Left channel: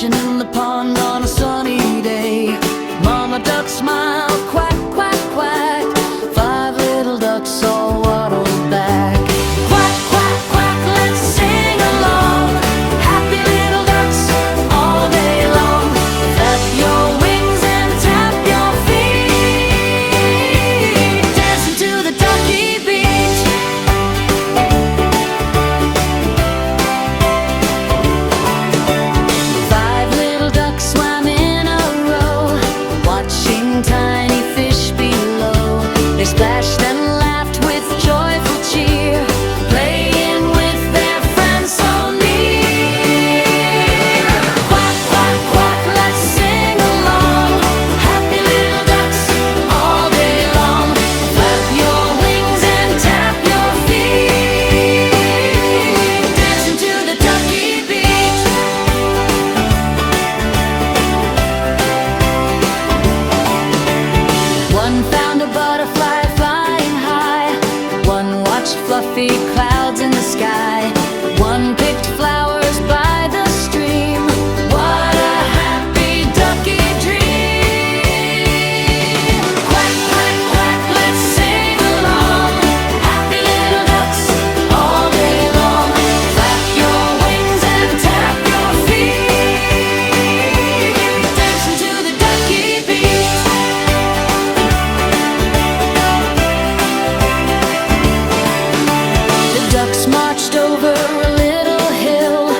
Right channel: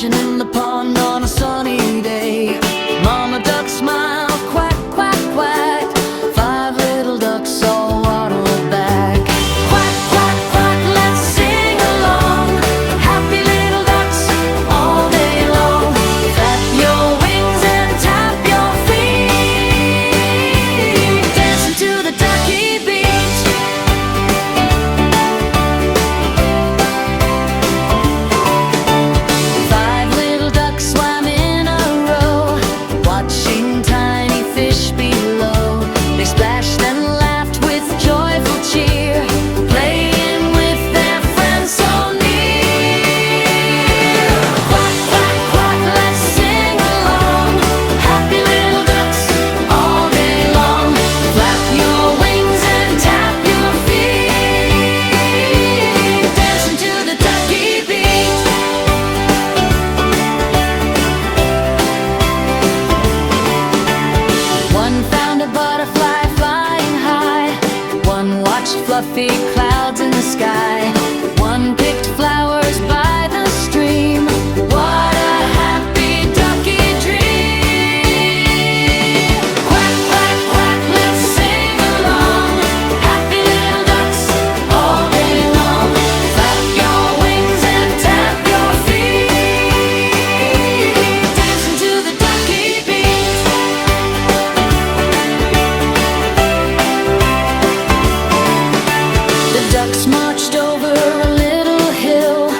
fishing in the pond on a sunny day. Mama duck smiled, quack, quack, quack. 5 little ducks all waddled back. Quack, quack, quack, let's sing along. Happy little ducks all day long. Flap your wings and tap your feet, dancing to the ducky beat. 5 little ducks swam in a row, watching tiny fish below. They splashed and laughed with joyful cheer, playing with their friends so near. Quack, quack, quack, let's sing along. Happy little ducks all day long. Flap your wings and tap your feet, dancing to the ducky beat. One found a butterfly flying high. One watched fluffy clouds in the sky. One picked flowers by the stream. What a happy ducky dream! Quack, quack, quack, let's sing along. Happy little ducks all day long. Flap your wings and tap your feet, dancing to the ducky beat. The ducks marched over a little hill.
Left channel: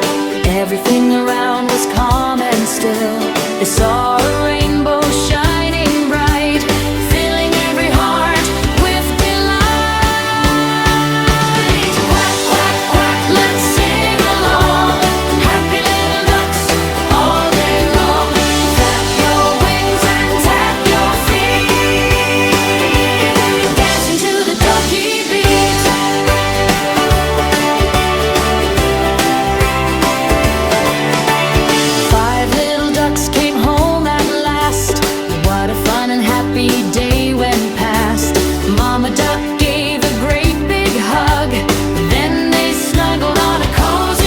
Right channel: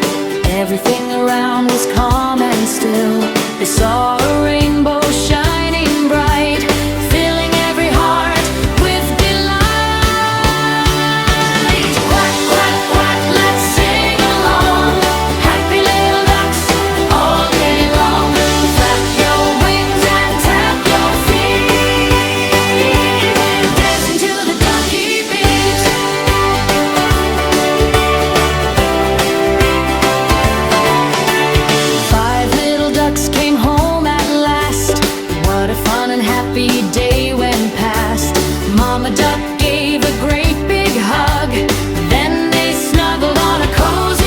Everything around was calm and still. They saw a rainbow shining bright, filling every heart with delight. Quack, quack, quack, let's sing along. Happy little ducks all day long. Flap your wings and tap your feet, dancing to the ducky beat. 5 little ducks came home at last. What a fun and happy day went past. Mama duck gave a great big hug. Then they snuggled on a cozy